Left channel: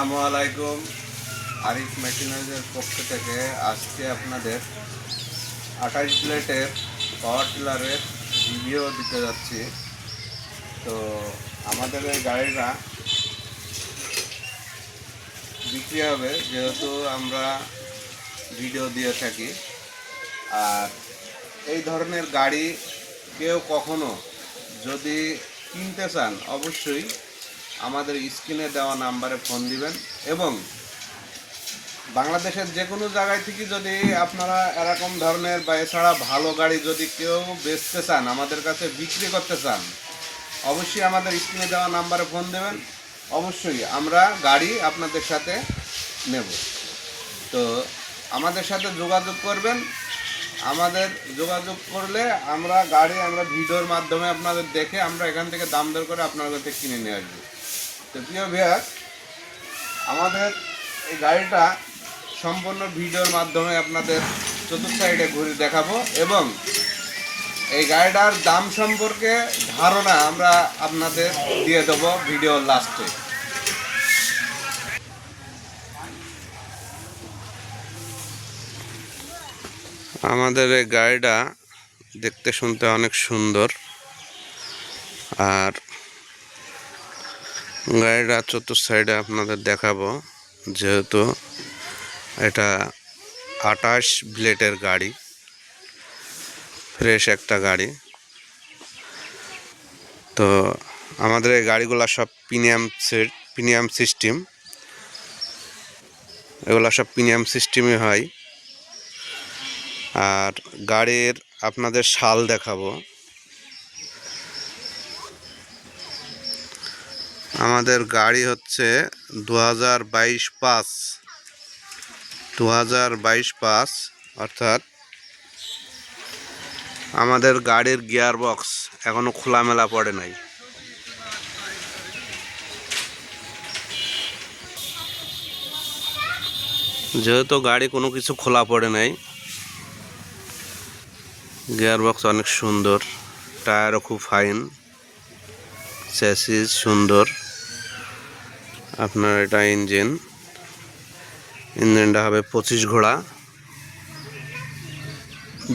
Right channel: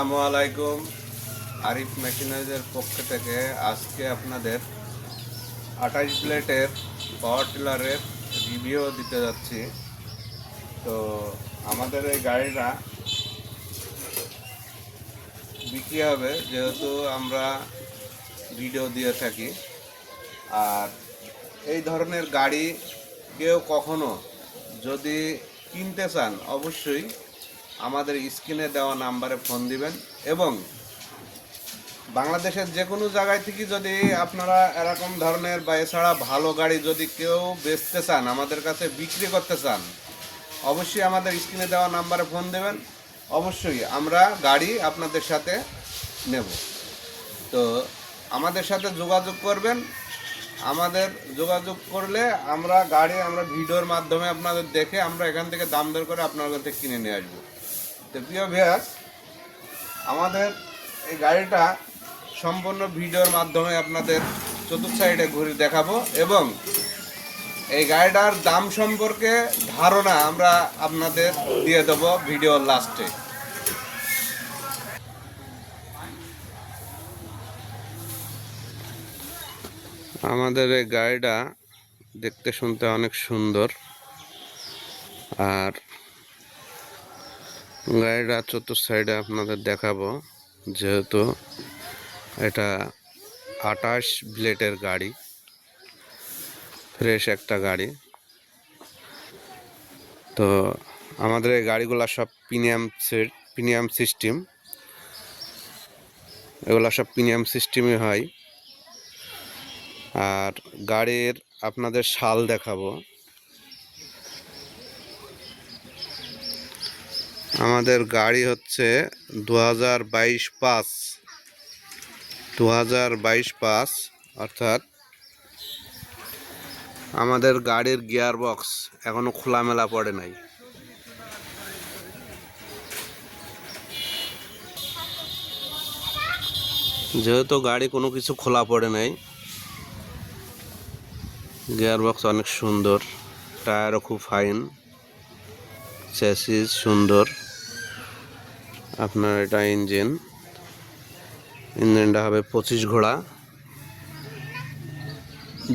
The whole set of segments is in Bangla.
আসসালামু আলাইকুম। আরিফ মেশিনারিজের পক্ষ থেকে আজকে আপনাদের 28 প্লেটের পাওয়ার টিলারের রিভিউ দিতে যাচ্ছি। তো আমাদের এই গাড়িটা বিক্রি হবে, যেহেতু আমরা ভিডিও দিয়ে থাকি। আর এই ধরনের গাড়ি কেউ কখনো যদি কিনতে চান, অবশ্যই আমাদের স্ক্রিনে দেওয়া নাম্বারে ফোন দিবেন। এবং বাংলাদেশের যে কোনো জায়গায় থেকে যদি আপনারা এরকম ধরনের বা এছাড়া ভালো গাড়ি যদি কেউ বেচতে চান, আমাদের কাছে বিক্রি করতে চান, অবশ্যই আমাদের স্ক্রিনে দেওয়া নাম্বারে ফোন দেবেন। অবশ্যই আমরা গাড়ি আপনাদের সাথে নেব। তো আমাদের সাথে যোগাযোগ করবেন। আমাদের যোগাযোগ করলে আমরা ভিডিওর মাধ্যমে আপনাদের দেখে আমরা এখান থেকে দাম দর করে আপনাদের কাছে কিনে নিয়ে আসবো। তো প্রিয় ভিউয়ার, আমাদের এই গাড়িটা সম্পূর্ণ ভিডিওর মাধ্যমে আপনাদের চতুর্থ সাইডে ঘুরে দেখাবো এবং এই গাড়িটার দাম সম্পর্কে ধারণা আমরা আপনাদের দিয়ে দেবো ভিডিওর লাস্টে। আমাদের এই গাড়িটা দেখতে শুনতে অনেক সুন্দর, আর গাড়িটা চতুর্থ সাইডে আপনাদের দেখাবো। যেহেতু এটা 28 ব্লেডের গাড়ি, ফ্রেশ একটা গাড়ি। তো আমাদের এই গাড়িগুলো সব প্রিমিয়াম সিস্টেম, এগুলো সব প্রিমিয়াম সিস্টেমই হয়। আর গাড়ির আপনাদের সাল দেখাবো। আমাদের গাড়ি হচ্ছে 2022 অর্থাৎ আমাদের গাড়ির গিয়ার বক্স এখনো খোলামেলা পড়ে নাই। যেহেতু গাড়ি কোনো কিছু খোলা পড়ে নাই, গিয়ার বক্স অনেক সুন্দর, টায়ারও খুব ফাইন, চ্যাসিস সুন্দর। আপনার এটা ইঞ্জিনটা হবে 25 ঘোড়া,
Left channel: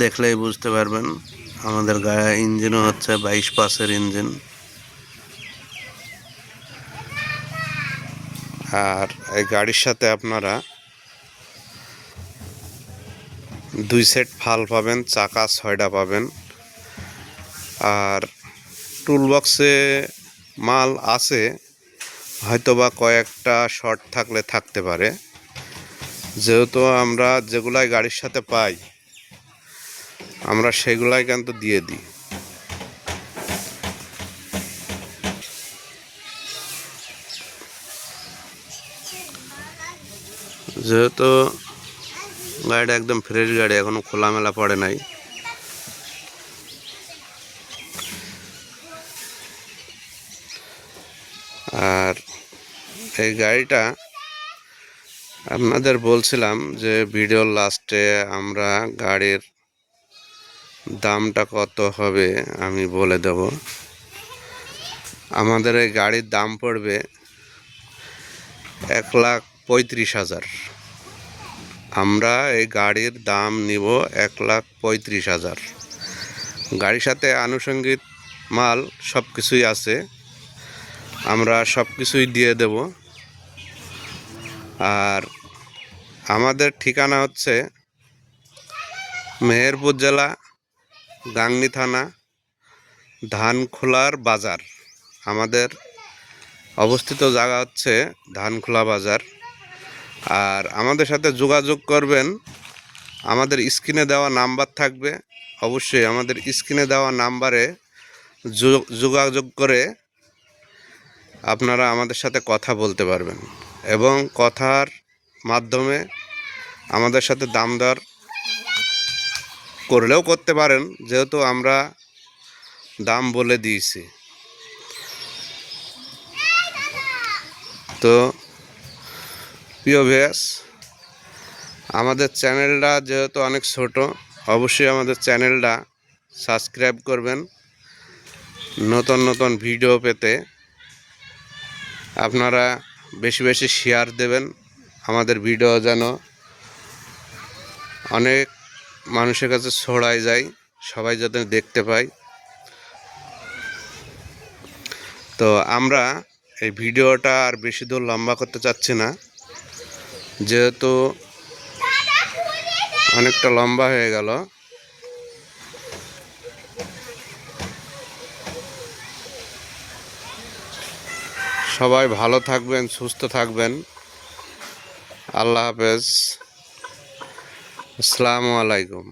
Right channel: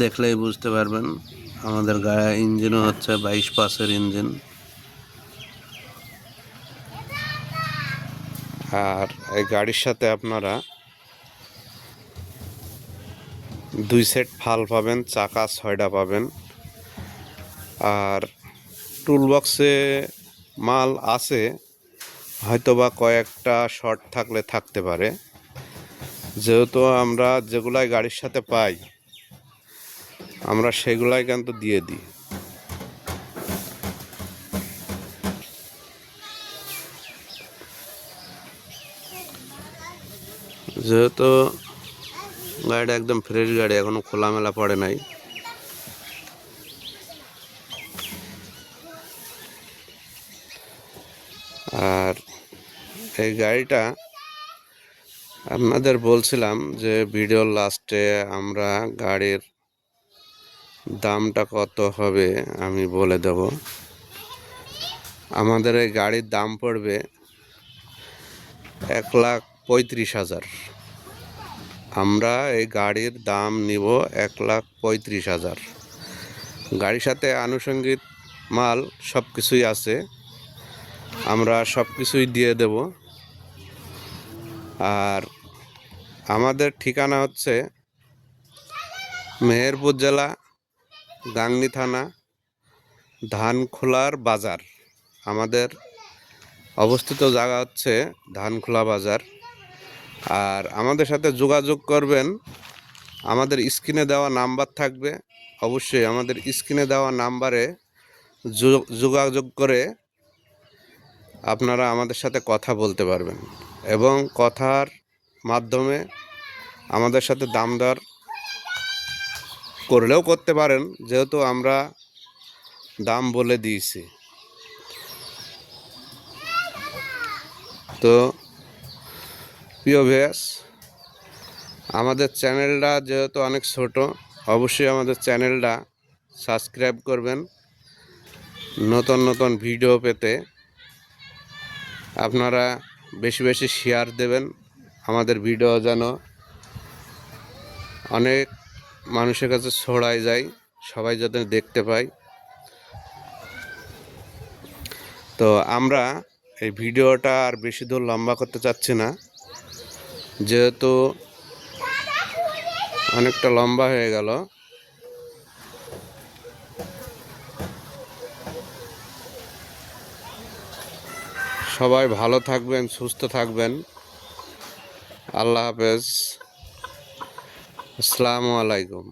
দেখলেই বুঝতে পারবেন। আমাদের ইঞ্জিনও হচ্ছে 22 ইঞ্জিন। আর এই গাড়ির সাথে আপনারা 2 সেট ফাল পাবেন, চাকা 6টা পাবেন। আর টুলবক্সে মাল আছে, হয়তোবা কয়েকটা শর্ট থাকলে থাকতে পারে। যেহেতু আমরা যেগুলাই গাড়ির সাথে পাই আমরা সেগুলাই কিন্তু দিয়ে দিই। যেহেতু গাড়িটা একদম ফ্রেশ গাড়ি, এখনো খোলামেলা পড়ে নাই। আর এই গাড়িটা আপনাদের বলছিলাম যে ভিডিওর লাস্টে আমরা গাড়ির দামটা কত হবে আমি বলে দেব। আমাদের এই গাড়ির দাম পড়বে 1,35,000। আমরা এই গাড়ির দাম নিব 1,35,000। গাড়ির সাথে আনুষঙ্গিক মাল সব কিছুই আছে, আমরা সব কিছুই দিয়ে দেব। আর আমাদের ঠিকানা হচ্ছে মেহেরপুর জেলা, গাংনী থানা, ধানখোলার বাজার। আমাদের অবস্থিত জায়গা হচ্ছে ধানখোলা বাজার। আর আমাদের সাথে যোগাযোগ করবেন, আমাদের স্ক্রিনে দেওয়া নাম্বার থাকবে। অবশ্যই আমাদের স্ক্রিনে দেওয়া নাম্বারে যোগাযোগ করে আপনারা আমাদের সাথে কথা বলতে পারবেন এবং কথার মাধ্যমে আমাদের সাথে দাম দর করলেও করতে পারেন, যেহেতু আমরা দাম বলে দিয়েছি। তো প্রিয় ভিউয়ার্স, আমাদের চ্যানেলটা যেহেতু অনেক ছোট, অবশ্যই আমাদের চ্যানেলটা সাবস্ক্রাইব করবেন। নতুন নতুন ভিডিও পেতে আপনারা বেশি বেশি শেয়ার দেবেন, আমাদের ভিডিও যেন অনেক মানুষের কাছে ছড়ায় যায়, সবাই যাতে দেখতে পায়। তো আমরা এই ভিডিওটা আর বেশি দূর লম্বা করতে চাচ্ছি না, যেহেতু অনেকটা লম্বা হয়ে গেল। সবাই ভালো থাকবেন, সুস্থ থাকবেন। আল্লাহ হাফেজ। আসসালামু আলাইকুম।